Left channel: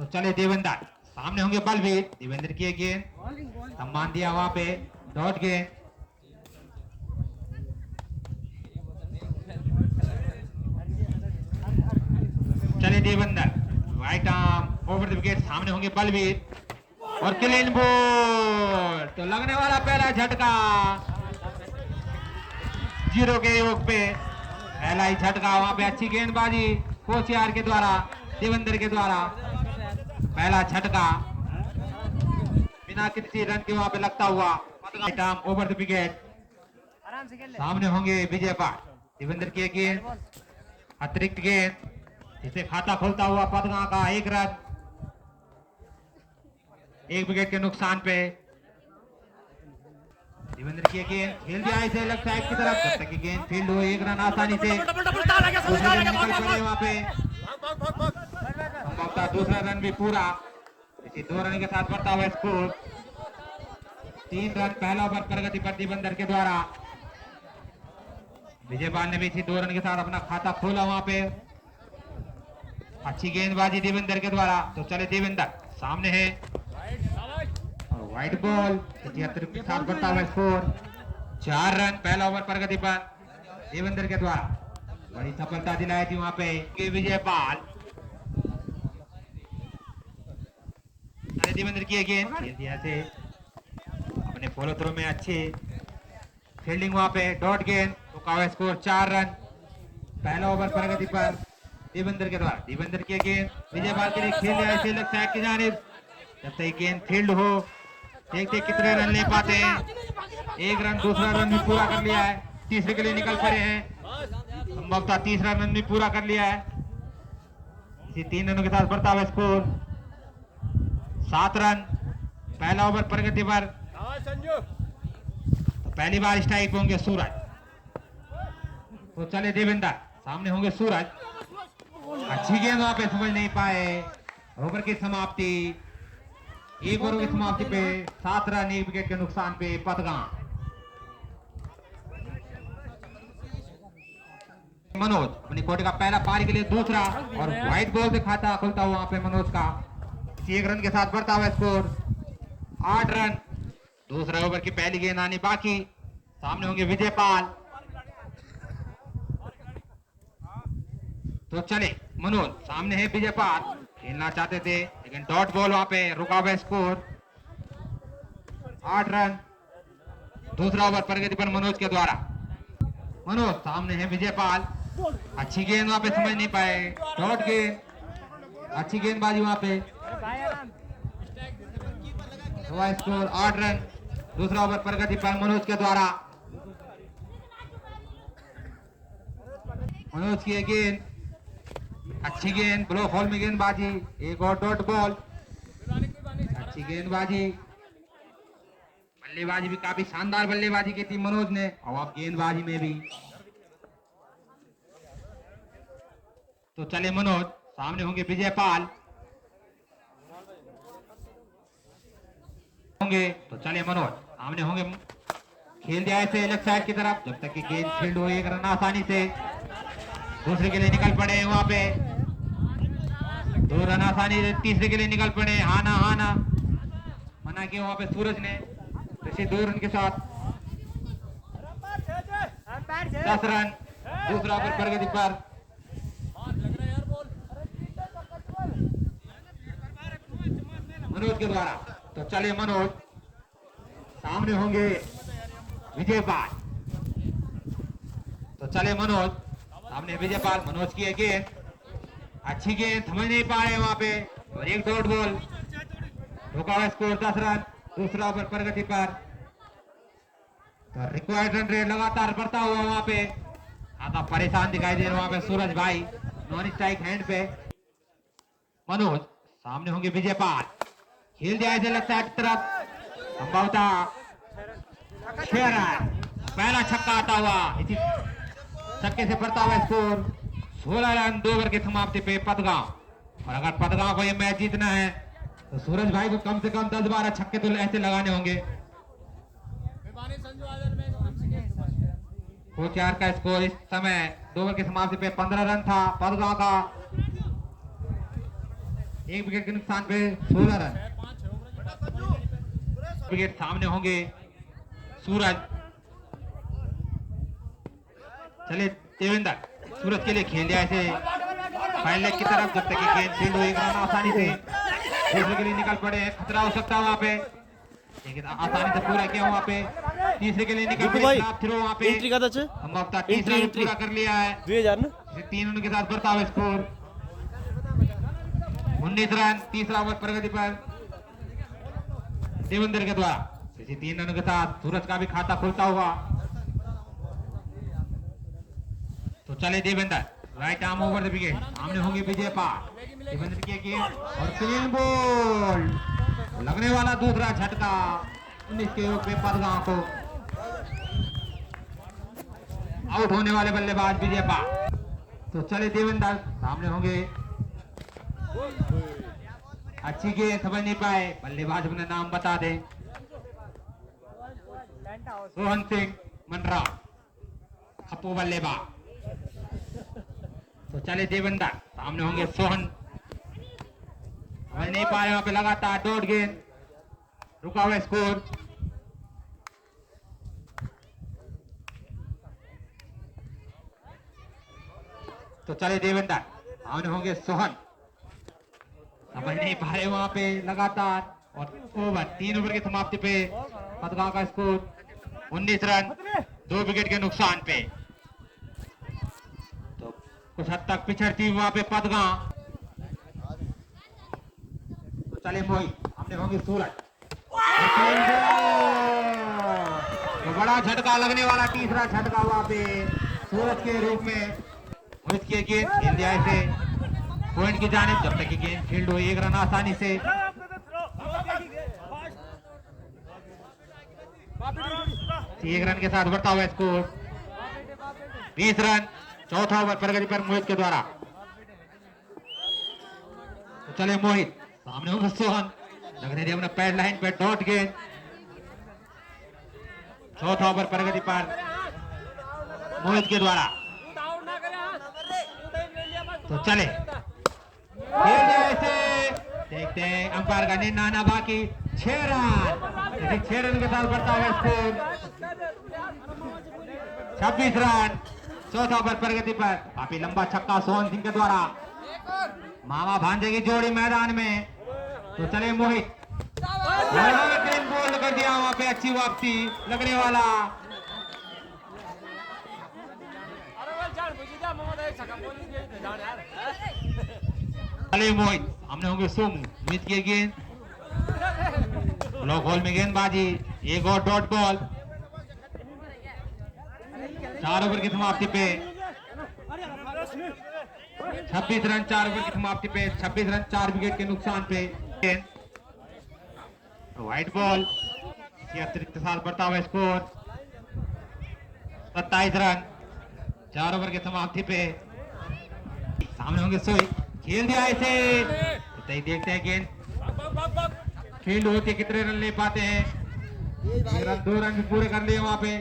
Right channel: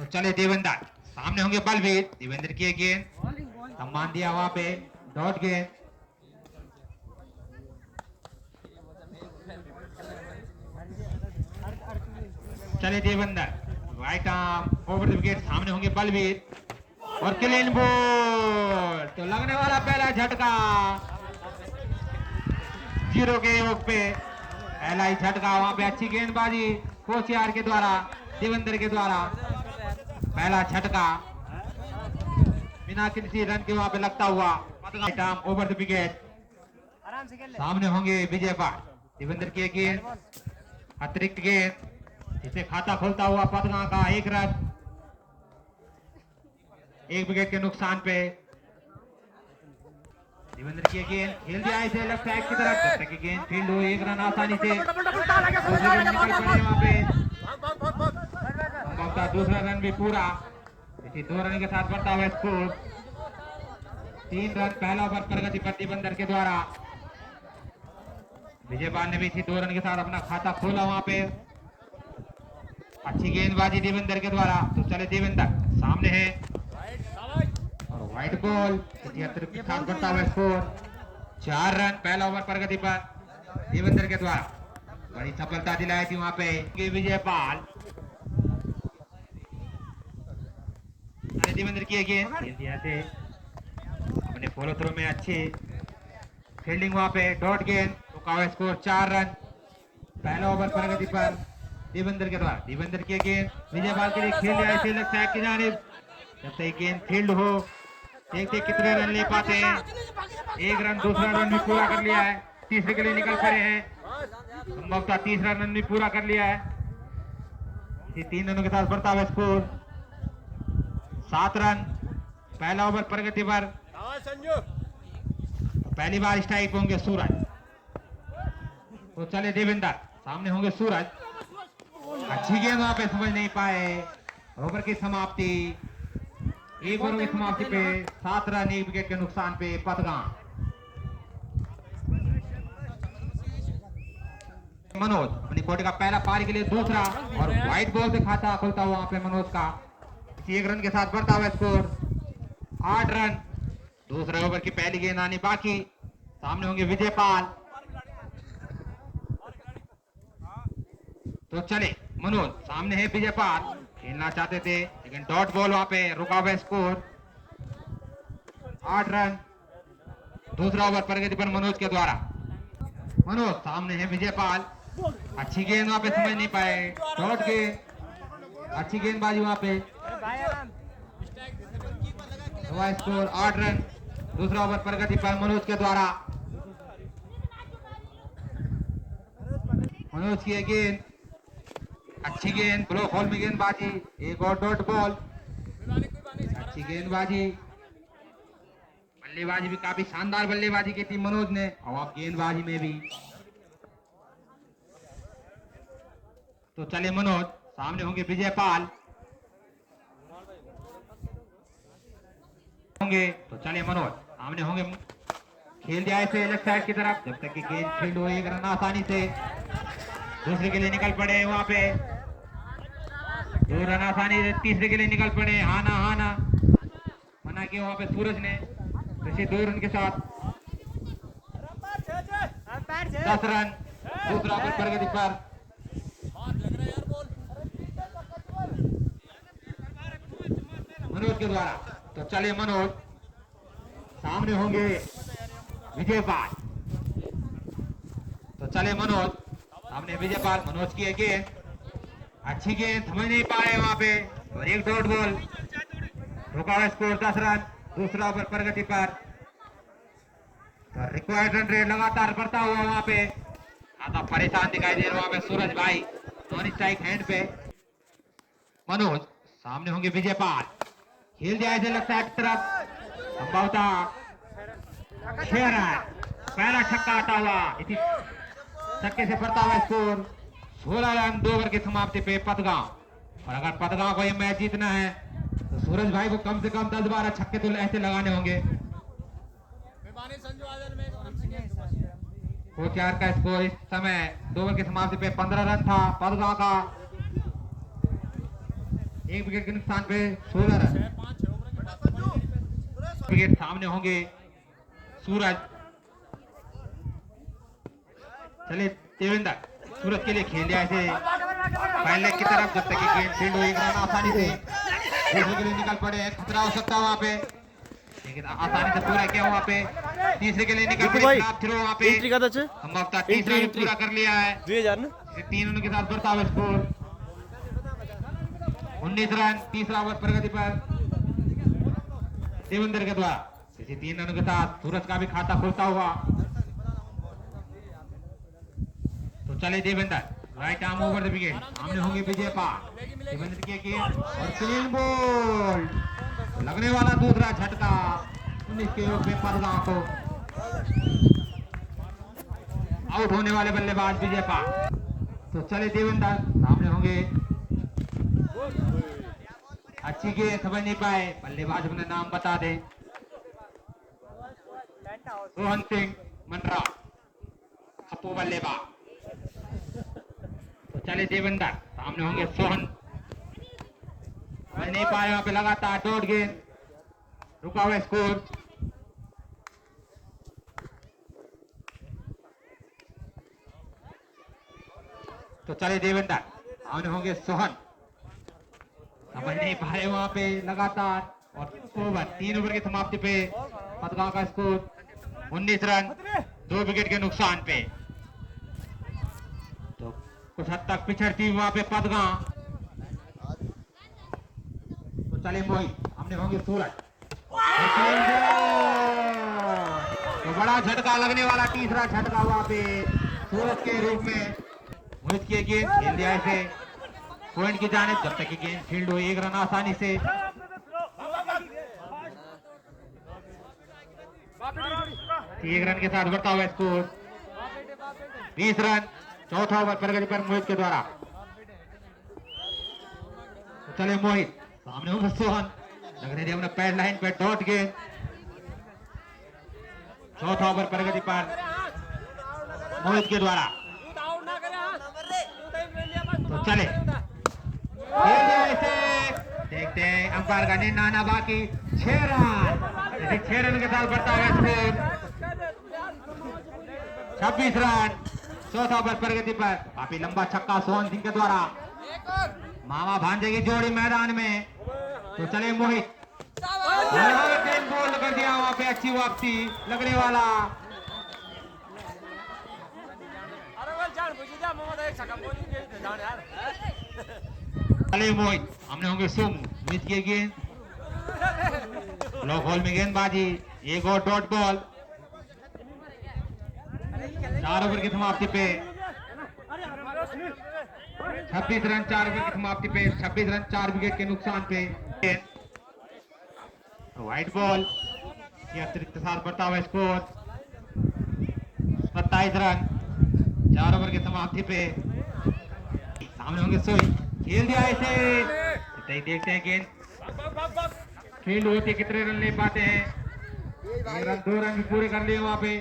तो चले देवेंद्र, सामने होंगे बलवीर। देवेंद्र की गेंद, सम्मान दिया वहां पे, डॉट गेंद। चले Devendra, right arm over the wicket. सामने होंगे बलवीर और क्लीन बॉल। तो लगने वाला पहला झटका 0 के योग पे, पहला ही झटका वहां पे। अच्छी गेंदबाजी कोचियार के द्वारा, देवेंद्र के द्वारा पहला झटका बिना किसी रन के वहां पे लगता हुआ। Over the wicket. सामने होंगे विजय पाल। देवेंद्र की गेंद, अतिरिक्त गेंद, इसे खाता खोलता हुआ पदगा का 1 रन, 1 विकेट के नुकसान पे। देवेंद्र की गेंद खेल दिया इसे लेफ्ट साइड की तरफ, जब तक की गेंद फील्ड हुई 1 रन आसानी से वहां पे। दूसरा रन भी पूरा, इसी 2 रन के साथ बढ़ता हुआ स्कोर 3 रन। पहला ओवर प्रगति पर देवेंद्र के द्वारा। विजय पाल ने भी इसी 2 रन के साथ अपना खाता खोला वहां पे। अच्छी गेंदबाजी देवेंद्र के द्वारा। तो चले देवेंद्र, सामने है और व्हाइट बॉल, इसी अतिरिक्त के साथ बढ़ता हुआ स्कोर 4 रन। पहला ओवर प्रगति पर देवेंद्र के द्वारा। बड़ी सफलता दिलाई थी वहां पे विजय पाल। देवेंद्र की गेंद से अपने फॉलो थ्रो में अच्छी फील्डिंग वहां पे, डॉट गेंद। तो स्कोर 4 रन। पहला ओवर प्रगति पर देवेंद्र के द्वारा। देवेंद्र की गेंद विजय पाल के लिए खेल रहा है लेफ्ट साइड की जानिब, जब तक गेंद फील्ड हो। देखते कितने रन ले पाते हैं। 1 रन, दूसरा रन भी पूरा कर लिया है, तीसरे के लिए निकल पड़े हैं। संभवतः तीसरा रन भी पूरा कर लिया है। इसी 3 रनों के साथ बढ़ता हुआ स्कोर 7 रन। पहला ओवर प्रगति पर। तो पहली बार स्ट्राइक होंगे सूरज। तो चले देवेंद्र, सामने होंगे सूरज। अच्छी गेंद वहां पे समझ नहीं पाए। ओवर की समाप्ति, 1 ओवर की समाप्ति पे 7 रन, 1 विकेट के नुकसान पे पदगा। मनोज अपनी कोटे का पहला पारी के लिए दूसरा और व्हाइट बॉल से खाता खुलता हुआ वहां पे मनोज का 1 रन के साथ बढ़ता हुआ स्कोर 8 रन। दूसरा ओवर की पहली गेंद आनी बाकी। सामने होंगे विजय पाल। तो चले मनोज, सामने है विजय पाल। खेलना चाहते थे लेकिन डॉट बॉल वहां पे रुका हुआ स्कोर 8 रन। दूसरा ओवर प्रगति पर मनोज के द्वारा। मनोज, सामने है विजय पाल। अच्छी गेंद वहां पे समझ नहीं पाए, डॉट गेंद, अच्छी गेंदबाजी वहां पे। Score 8 run. दूसरा ओवर प्रगति पर मनोज के द्वारा। मनोज की गेंद, अच्छी गेंद, ब्लॉक होल में गेंदबाजी, 1 और डॉट बॉल। अच्छी गेंदबाजी, बल्लेबाजी भी काफी शानदार बल्लेबाजी की थी मनोज ने, और आप गेंदबाजी में भी। तो चले मनोज, सामने होंगे विजय पाल होंगे। तो चले मनोज, सामने होंगे, खेल दिया इसे लेफ्ट साइड की तरफ, जब तक कि गेंद फील्ड हो 1 रन आसानी से। दूसरे के लिए निकल पड़े वहां पे, 2 रन आसानी से तीसरे के लिए निकल पड़े। हाना हाना मना किया वहां पे सूरज ने। जैसे 2 रन के साथ 10 रन। दूसरा ओवर प्रगति पर। मनोज के द्वारा। तो चले मनोज, सामने होंगे विजय पाल। तो चले मनोज, सामने विजय पाल। मनोज की गेंद, अच्छी गेंद, समझ नहीं पाए वहां पे, और 1 डॉट बॉल। रुका हुआ स्कोर 10 रन। दूसरा ओवर प्रगति पर। तो रिक्वायर्ड रन रेट लगातार बढ़ता हुआ वहां पे। आधा परेशान दिखाई दे रहा वहां पे सूरज भाई, नॉन स्ट्राइक हैंड पे। मनोज, सामने होंगे विजय पाल। खेल दिया इसे लेफ्ट साइड तरफ, संभवतः 6 रन। पहला छक्का आता हुआ, इसी छक्के से बढ़ता हुआ स्कोर 16 रन। 2 ओवर की समाप्ति पे पदगांव। और अगर पदगांव को ये मैच जीतना है तो सूरज भाई को कम से कम 10-12 छक्के तो ऐसे लगाने होंगे। कोचार का स्कोर इस समय 2 ओवर की समाप्ति पे 15 रन था पदगांव का। एक विकेट के नुकसान पे 16 रन। विकेट सामने होंगे सूरज। चले देवेंद्र, सूरज के लिए खेल दिया ऐसे फाइल लेग की तरफ, जब तक कि गेंद फील्ड हुई आसानी से दूसरे के लिए निकल पड़े। खतरा हो सकता है वहां पे, लेकिन आसानी से पूरा किया वहां पे। तीसरे के लिए निकल पड़े, खराब थ्रो वहां पे। संभवतः तीसरा भी पूरा कर लिया है। 3 रनों के साथ बढ़ता हुआ स्कोर 19 रन। तीसरा ओवर प्रगति पर देवेंद्र के द्वारा। इसी 3 रनों के साथ सूरज का भी खाता खुलता हुआ। तो चले Devendra, right arm over the wicket. सामने होंगे विजय पाल। देवेंद्र की गेंद और क्लीन बॉल, लगने वाला दूसरा झटका 19 के रूप में पदगांव को। आउट होने वाले बल्लेबाज विजय पाल। तो चले देवेंद्र, सामने होंगे। अच्छी गेंद, समझ नहीं पाए बल्लेबाज, अपना नाम बता दें। रोहन सिंह मनरा, खप्पू बल्लेबाज। तो चले देवेंद्र, सामने होंगे सोहन। समझ नहीं पा रहे वहां पे, लगातार डॉट गेंद, रुका हुआ स्कोर। तो चले देवेंद्र, सामने होंगे सोहन। समझ नहीं पा रहे वहां पे, लगातार और ओवर 3 ओवर की समाप्ति पे पदगांव का स्कोर 19 रन 2 विकेट के नुकसान पे। तो कुछ हद तक पिछड़ती वहां पे पदगांव। तो चले मोहित, हमने होंगे सूरज। तो बड़ा झटका लगने वाला, तीसरा झटका वहां पे सूरज के रूप में। मोहित की गेंद इंडिया से पॉइंट की जानिब, जब तक कि गेंद फील्ड हुई 1 रन आसानी से। एक रन के साथ बढ़ता हुआ स्कोर 20 रन। चौथा ओवर प्रगति पर मोहित के द्वारा। तो चले मोहित, सामने होगा सोहन। लगने दिया अपना पैर लाइन पे, डॉट गेंद। चौथा ओवर प्रगति पर मोहित के द्वारा। तो चले ऐसे देखते हैं, अंपायर का निर्णय आना बाकी। 6 रन, 6 रन के साथ बढ़ता हुआ स्कोर 26 रन। चौथा ओवर प्रगति पर काफी लंबा छक्का सोहन सिंह के द्वारा। मामा भांजे की जोड़ी मैदान में। तो चले मोहित, बोल्ड कर दिया वहां पे, अच्छी वापसी लगने वाला। चले मोहित, हमने होंगे सोमू। मिस किए गेंद, ब्लॉक होल में गेंदबाजी, एक और डॉट बॉल। 4 ओवर की समाप्ति पे 26 रन। 4 ओवर की समाप्ति पे 26 रन 4 विकेट के नुकसान पे। व्हाइट बॉल, अतिरिक्त साथ बढ़ता हुआ स्कोर 27 रन। 4 ओवर की समाप्ति पे सामने होंगे सोई। खेल दिया ऐसे, देखते हैं गेंद फील्ड होती, कितने रन ले पाते हैं। 2 रन पूरे कर लिए वहां पे।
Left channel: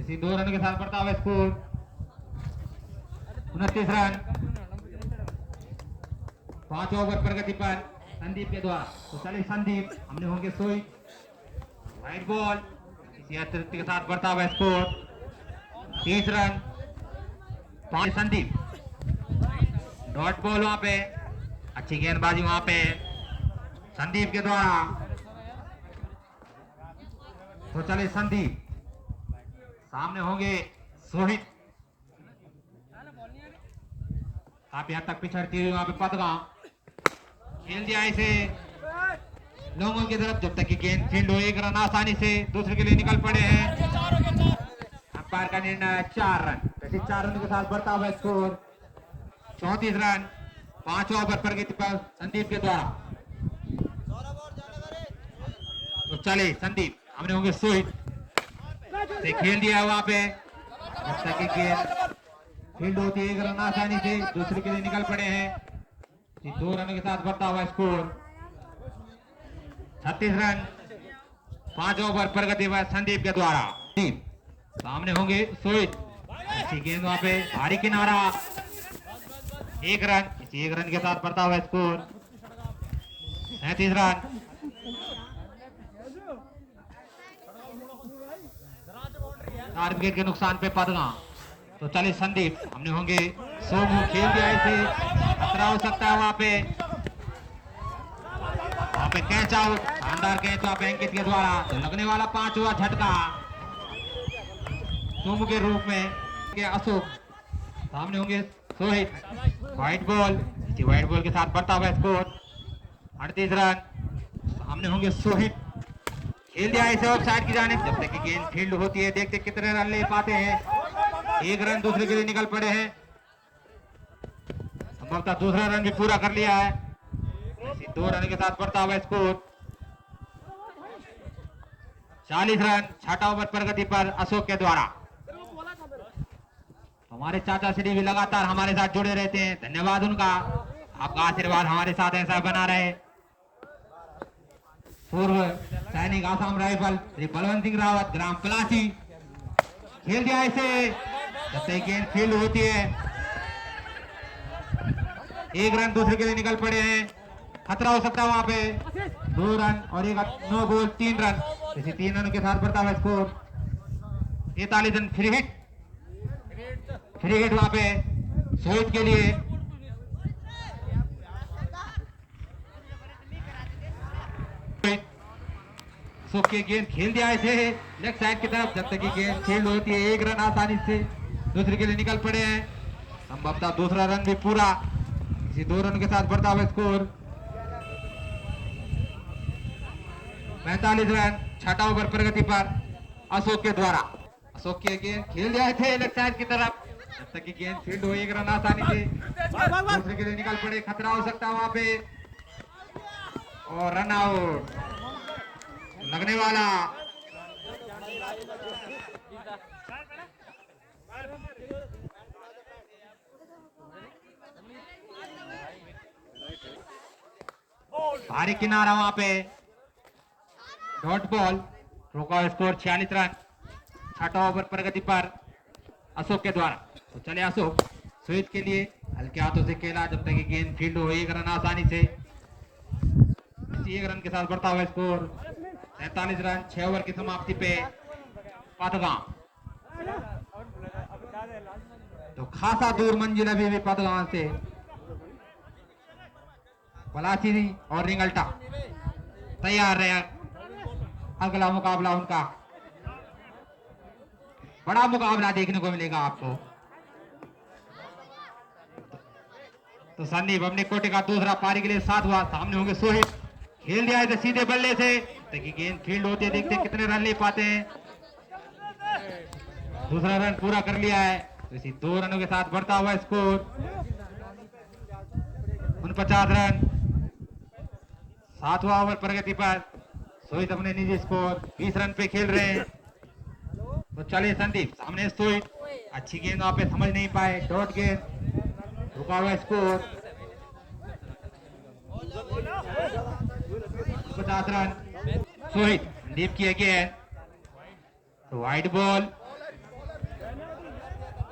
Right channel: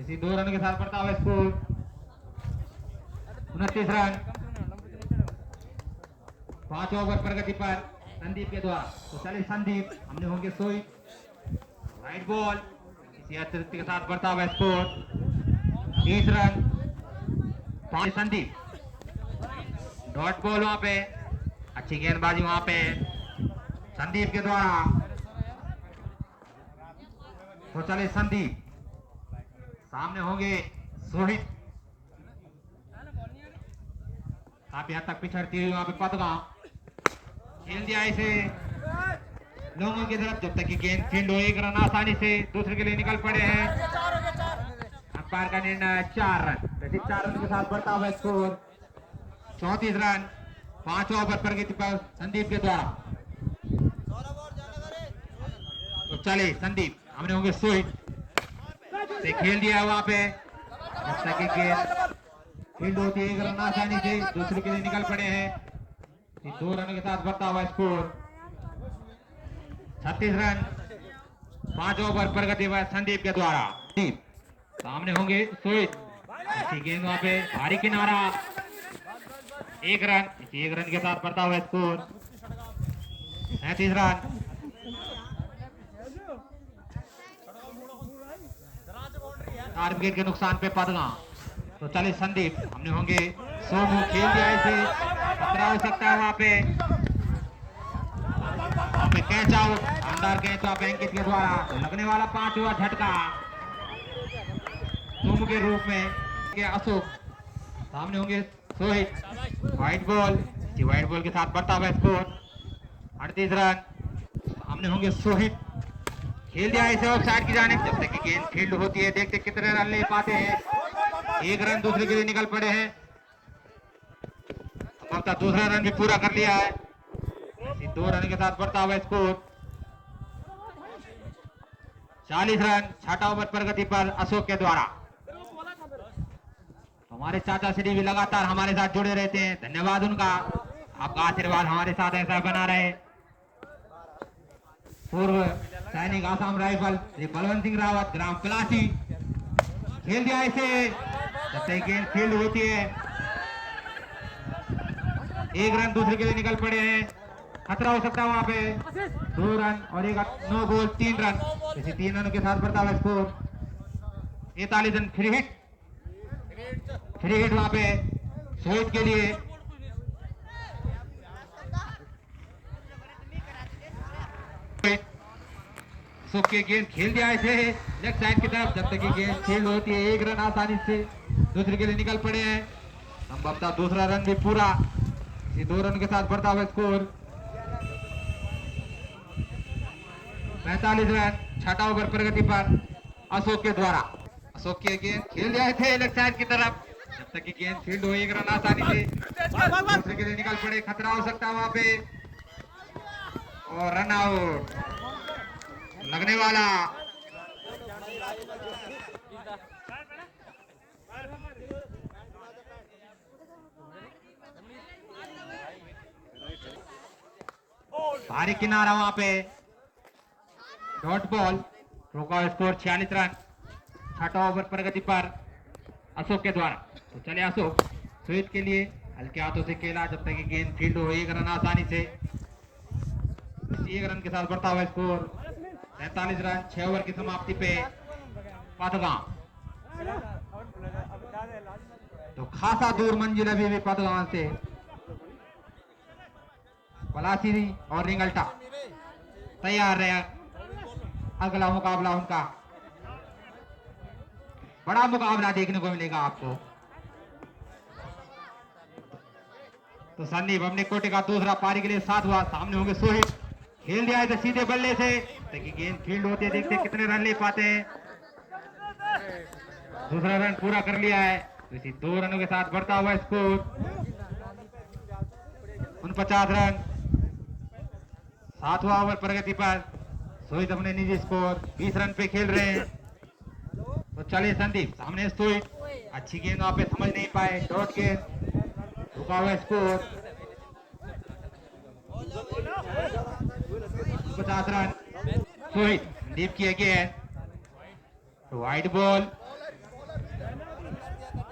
इसी 2 रन के साथ बढ़ता हुआ स्कोर 29 रन। 5 ओवर प्रगति पर संदीप के द्वारा। तो चले संदीप, हमने होंगे सोई। व्हाइट बॉल, इसी अतिरिक्त के साथ बढ़ता हुआ score 30 run. 5 Sandeep, dot ball वहां पे, अच्छी गेंदबाजी वहां पे संदीप के द्वारा। तो चले संदीप, सामने होंगे सोहित। काफी हद तक पिछड़ती हुई वहां पे पदगांव। खेल दिया इसे लोगों की तरफ, जब तक कि गेंद फील्ड हो 1 रन आसानी से दूसरे के लिए निकल पड़े हैं। अंपायर का निर्णय 4 रन। वैसे 4 रन के साथ बढ़ता हुआ स्कोर 34 रन। 5 ओवर प्रगति पर संदीप के द्वारा। तो चले संदीप, हमने होंगे सोहित से खेल दिया वहां पे, जब तक कि गेंद फील्ड होती 1 रन आसानी से दूसरे के लिए निकल पड़े हैं। 2 रन के साथ बढ़ता हुआ स्कोर 36 रन। 5 ओवर प्रगति पर संदीप के द्वारा। सामने होंगे सोहित, अच्छी गेंद वहां पे, भारी किनारा 1 रन। 1 रन के साथ बढ़ता हुआ स्कोर 37 रन। चार विकेट के नुकसान पे पदगा। तो चले संदीप, हमने होंगे सोमू खेल दिया इसे, खतरा हो सकता है वहां पे कैच आउट, शानदार कैच आउट अंकित के द्वारा। तो लगने वाला 5वां झटका सोमू के रूप में के अशोक, सामने होंगे Sohit, white ball, white ball के साथ बढ़ता हुआ स्कोर 38 रन। सामने होंगे सोहित, खेल दिया इसे ऑफ साइड की जानिब, जब तक कि गेंद फील्ड होती है देखते कितने रन ले पाते हैं। 1 रन दूसरे के लिए निकल पड़े हैं, संभवतः दूसरा रन भी पूरा कर लिया है। 2 रन के साथ बढ़ता हुआ स्कोर 40 रन। 6वां ओवर प्रगति पर अशोक के द्वारा। हमारे चाचा श्री भी लगातार हमारे साथ जुड़े रहते हैं, धन्यवाद उनका, आपका आशीर्वाद हमारे साथ ऐसा बना रहे। पूर्व सैनिक आसाम राइफल श्री बलवंत सिंह रावत, ग्राम पलासी, खेल दिया इसे, जब तक गेंद फील्ड होती है 1 रन दूसरे के लिए निकल पड़े हैं, खतरा हो सकता है वहां पे। 2 रन और 9 बॉल 3 रन, इसे 3 रनों के साथ बढ़ता हुआ स्कोर 43 रन। फ्री हिट वहां पे सोहित के लिए। अशोक के गेंद खेल दिया इसे लेफ्ट साइड की तरफ, जब तक की गेंद खेल होती है 1 रन आसानी से दूसरे के लिए निकल पड़े हैं, संभवतः दूसरा रन भी पूरा, इसी 2 रन के साथ बढ़ता हुआ स्कोर 45 रन। 6वां ओवर प्रगति पर अशोक के द्वारा। अशोक के गेंद खेल दिया थे लेफ्ट साइड की तरफ, जब तक कि गेंद फील्ड हो 1 रन आसानी से दूसरे के लिए निकल पड़े, खतरा हो सकता है वहां पे और रन आउट। लगने वाला भारी किनारा वहां पे, डॉट बॉल, रोका स्कोर 46 रन। 6वां ओवर प्रगति पर अशोक के द्वारा। तो चले अशोक, स्वीप के लिए हल्के हाथों से खेला, जब तक कि गेंद फील्ड हो 1 रन आसानी से, 1 रन के साथ बढ़ता हुआ स्कोर 43 रन। 6 ओवर की समाप्ति पे पदगांव। तो खासा दूर मंजिल अभी भी पदगांव से पलासी और रिंगल्टा तैयार रहे। अगला मुकाबला उनका बड़ा मुकाबला देखने को मिलेगा आपको। तो संदीप अपने कोटे का दूसरा पारी के लिए 7 हुआ, सामने होंगे सोहित, खेल दिया है सीधे बल्ले से, ताकि गेंद फील्ड होती है देखते कितने रन ले पाते हैं। दूसरा रन पूरा कर लिया है, तो इसी 2 रनों के साथ बढ़ता हुआ स्कोर 49 रन। 7वां ओवर प्रगति पर सोहित अपने निजी स्कोर 20 रन पे खेल रहे हैं। तो चले संदीप, सामने सोहित, अच्छी गेंद वहां पे समझ नहीं पाए, डॉट गेंद, रुका हुआ स्कोर 50 रन। सोहित संदीप की गेंद, तो वाइड बॉल,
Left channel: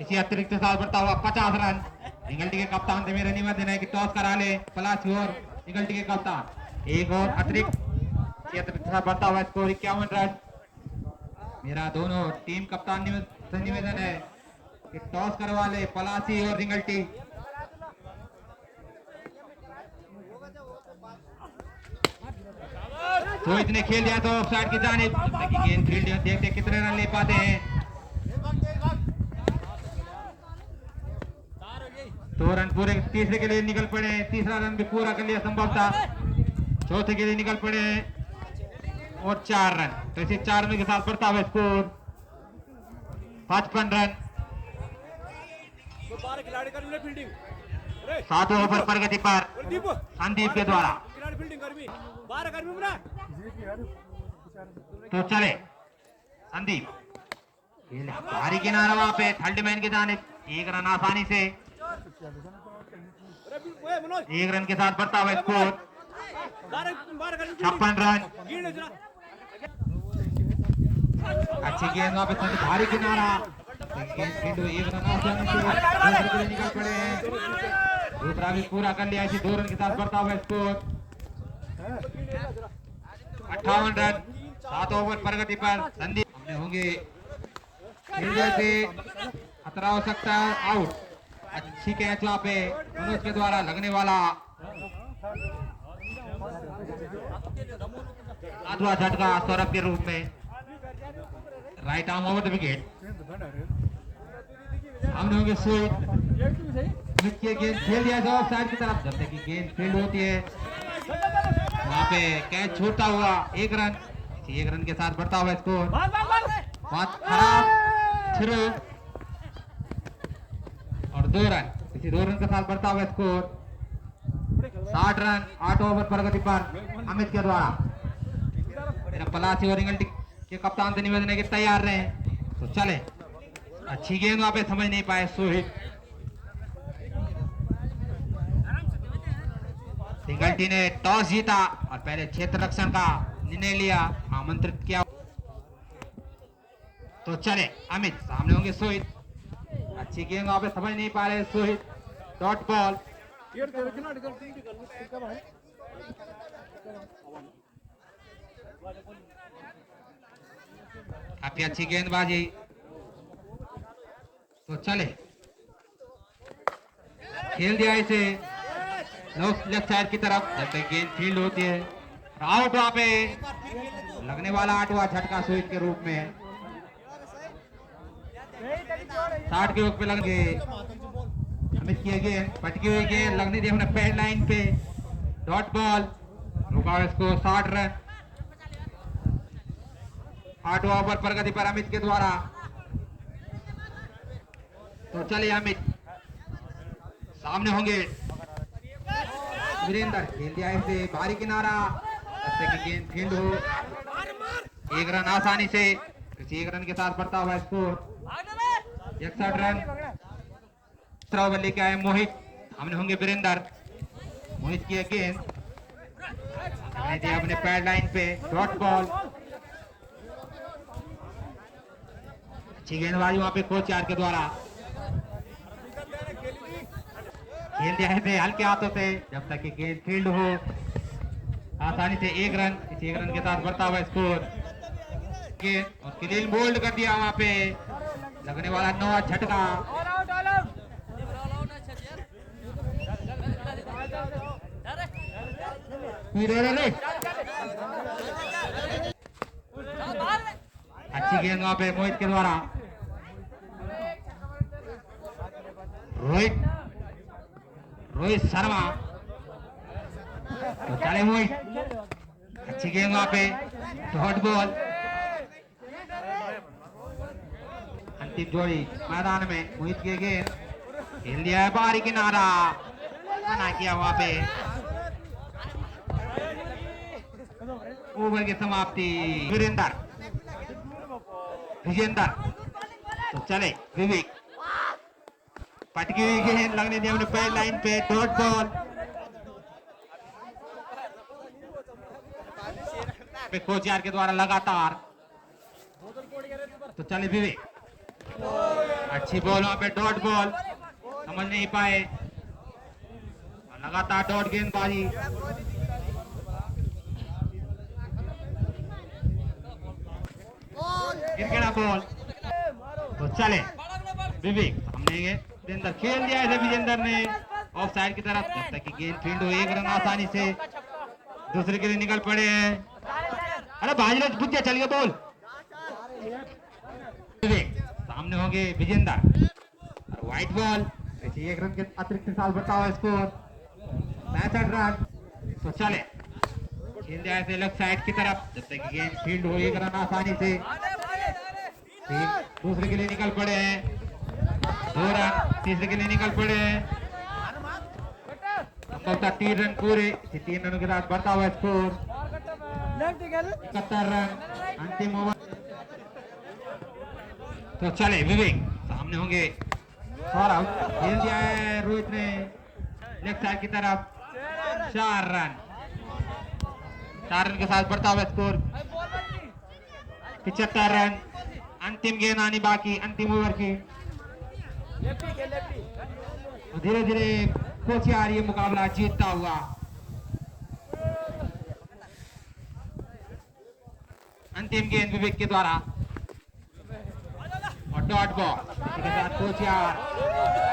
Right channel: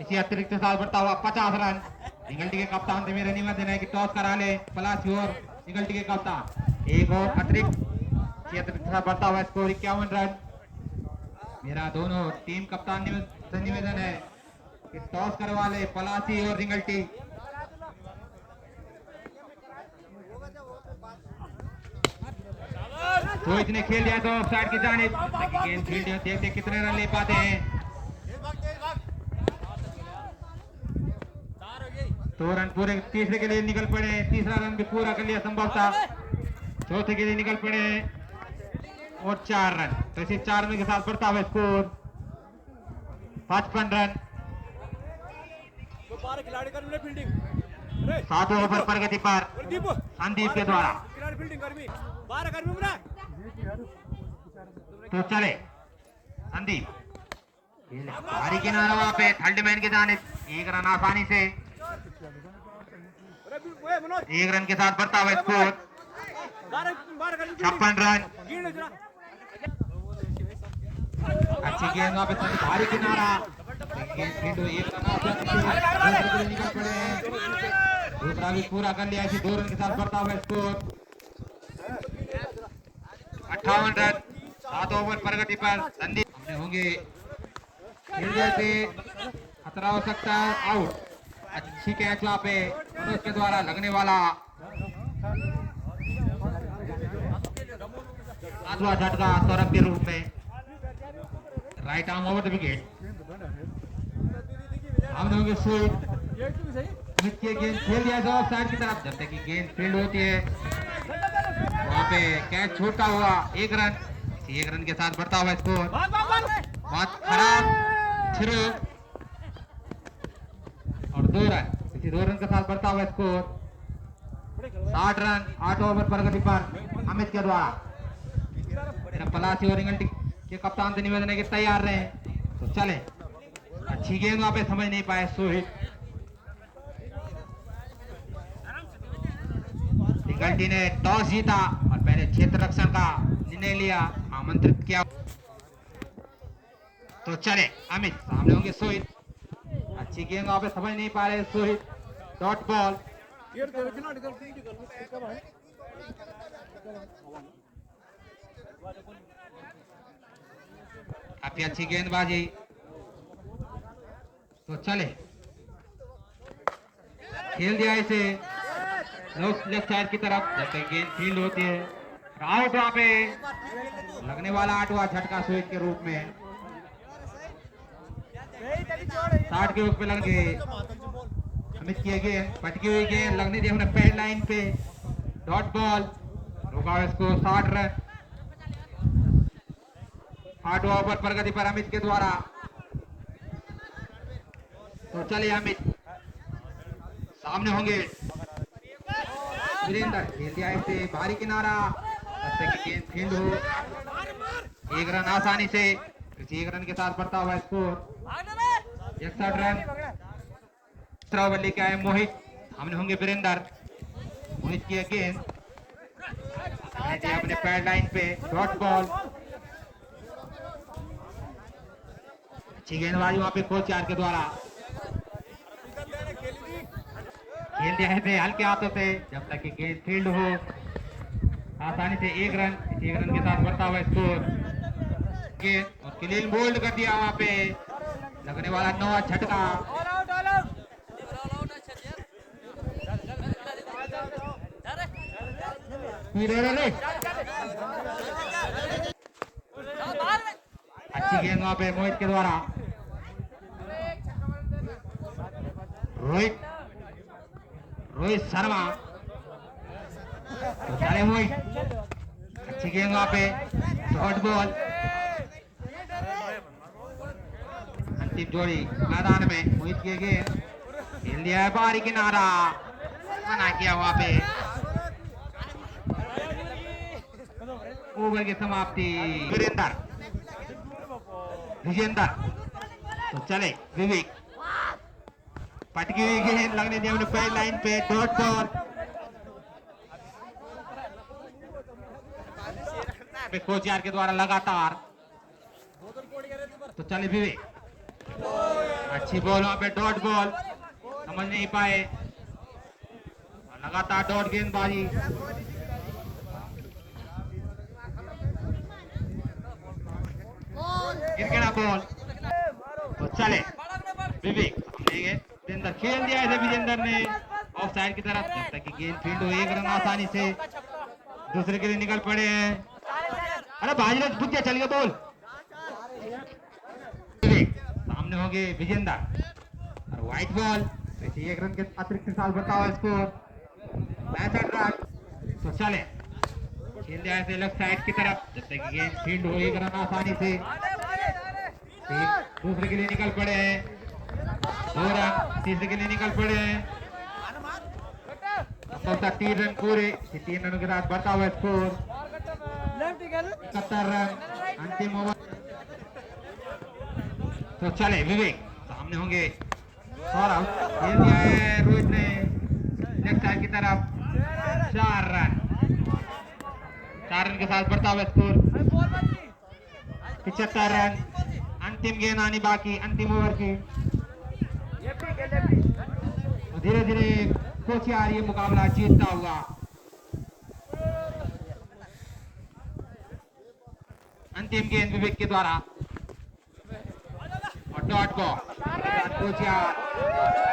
इसी अतिरिक्त साथ बढ़ता हुआ 50 रन। निगल्टी के कप्तान से मेरा निवेदन है कि टॉस करा ले पलासी और निगल्टी के कप्तान, एक और अतिरिक्त बढ़ता हुआ स्कोर 51 रन। मेरा दोनों टीम कप्तान से निवेदन है कि टॉस करवा ले पलासी और रिंगल्टी। रोहित ने खेल दिया तो ऑफसाइड की जानिब, गेंद फील्ड देखते कितने रन ले पाते हैं। 2 रन पूरे, तीसरे के लिए निकल पड़े, तीसरा रन भी पूरा कर लिया संभवतः, चौथे के लिए निकल पड़े और 4 रन, तो इसे 4 रन के साथ बढ़ता हुआ स्कोर 55 रन। 7वें ओवर प्रगति पर संदीप के द्वारा। तो चले संदीप, भारी किनारा वहां पे थर्ड मैन के जाने, 1 रन आसानी से, 1 रन के साथ बढ़ता हुआ स्कोर 56 रन। अच्छी गेंद वहां पे भारी किनारा, गेंद फील्ड 1 रन आसानी से निकल पड़े, दूसरा भी पूरा कर लिया, 2 रन के साथ बढ़ता हुआ स्कोर 58 रन 7 ओवर प्रगति पर। संदीप हमने होंगे फील्डर से खतरा हो सकता है, आउट। अच्छी कैच यहाँ पे मनोज के द्वारा लगने वाला 7वां झटका सौरभ के रूप में, right arm over the wicket. हमने होंगे स्वीप, गेंद खेल दिया गया ऑफ साइड की तरफ। जब तक की गेंद फील्ड होती है वहां पे कैच छूटता हुआ 1 रन। 1 रन के साथ बढ़ता हुआ स्कोर। बहुत खराब शुरू और 2 रन, इसी 2 रन के साथ बढ़ता हुआ स्कोर 60 रन 8 ओवर प्रगति पर अमित के द्वारा। पलासी और इंग्लैंड के कप्तान से निवेदन है कि तैयार रहे। तो चले, अच्छी गेंद वहां पे समझ नहीं पाए सोहित। सिंगल्टी ने टॉस जीता और पहले क्षेत्र रक्षण का निर्णय लिया, आमंत्रित किया। तो चले अमित, सामने होंगे सोहित। अच्छी गेंद वहां पे समझ नहीं पा रहे सोहित, डॉट बॉल। काफी अच्छी गेंदबाजी। तो चले, खेल दिया इसे लेफ्ट साइड की तरफ। जैसे गेंद फील्ड होती है, आउट वहां पे लगने वाला 8वां झटका सोहित के रूप में। 60 के ओवर पे लग गए अमित की गेंद, पटकी हुई गेंद लगने दी हमने पैड लाइन पे, डॉट बॉल। रुका इसको 60 रन 8वां ओवर प्रगति पर अमित के द्वारा। तो चलिए अमित, सामने होंगे वीरेंद्र। खेल दिया इसे बाहरी किनारा, जैसे कि गेंद फील्ड हो। 1 रन आसानी से, 1 रन के साथ बढ़ता हुआ स्कोर 61 रन। तीसरा ओवर लेके आए मोहित, सामने होंगे वीरेंद्र। मोहित की गेंद अपने पैड लाइन पे, डॉट बॉल। अच्छी गेंदबाजी वहां पे कोच यार के द्वारा। खेल दिया है हल्के हाथों से, जब तक कि गेंद फील्ड हो आसानी से 1 रन। 1 रन के साथ बढ़ता हुआ स्कोर। और क्लीन बोल्ड कर दिया वहां पे, लगने वाला 9वां झटका। अच्छी गेंद वहां पे मोहित के द्वारा। रोहित शर्मा, तो चले मोहित। अच्छी गेंद वहां पे, शॉर्ट बॉल। अंतिम जोड़ी मैदान में, मोहित की गेंद खेल दिया है बाहरी किनारा, मना किया वहां पे। ओवर की समाप्ति। विजेंद्र, तो चले विवेक। पटकी हुई गेंद लगने दी हमने पैड लाइन पे, डॉट बॉल। कोच यार के द्वारा लगातार। तो चले विवेक, अच्छी बॉल वहां पे, डॉट बॉल। समझ नहीं पाए, लगातार डॉट गेंदबाजी। गिरगिरा बॉल। तो चले विवेक, सामने विजेंद्र। खेल दिया है विजेंद्र ने ऑफ साइड की तरफ, जब तक कि गेंद फील्ड हो 1 रन आसानी से। दूसरे के लिए निकल पड़े हैं। अरे भाजराज बुझ गया, चलिए बॉल। सामने होंगे विजेंद्र और व्हाइट बॉल। 1 रन के अतिरिक्त साल बढ़ता हुआ स्कोर 65 रन। तो चले, खेल दिया है लेफ्ट साइड की तरफ, जब तक कि गेंद फील्ड हो 1 रन आसानी से। दूसरे के लिए निकल पड़े हैं 2 रन, तीसरे के लिए निकल पड़े हैं 3 रन पूरे। 3 रनों के साथ बढ़ता हुआ स्कोर 71 रन अंतिम ओवर। तो चले विवेक, सामने होंगे सौरभ। खेल दिया है रोहित ने लेफ्ट साइड की तरफ, 4 रन। 4 रन के साथ बढ़ता हुआ स्कोर 75 रन। अंतिम गेंद आनी बाकी, अंतिम ओवर की। धीरे धीरे कोचियार ये मुकाबला जीतता हुआ अंतिम गेंद विवेक के द्वारा और डॉट बॉल के साथ कोच यार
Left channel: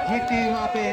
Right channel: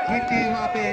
जीतती वहां पे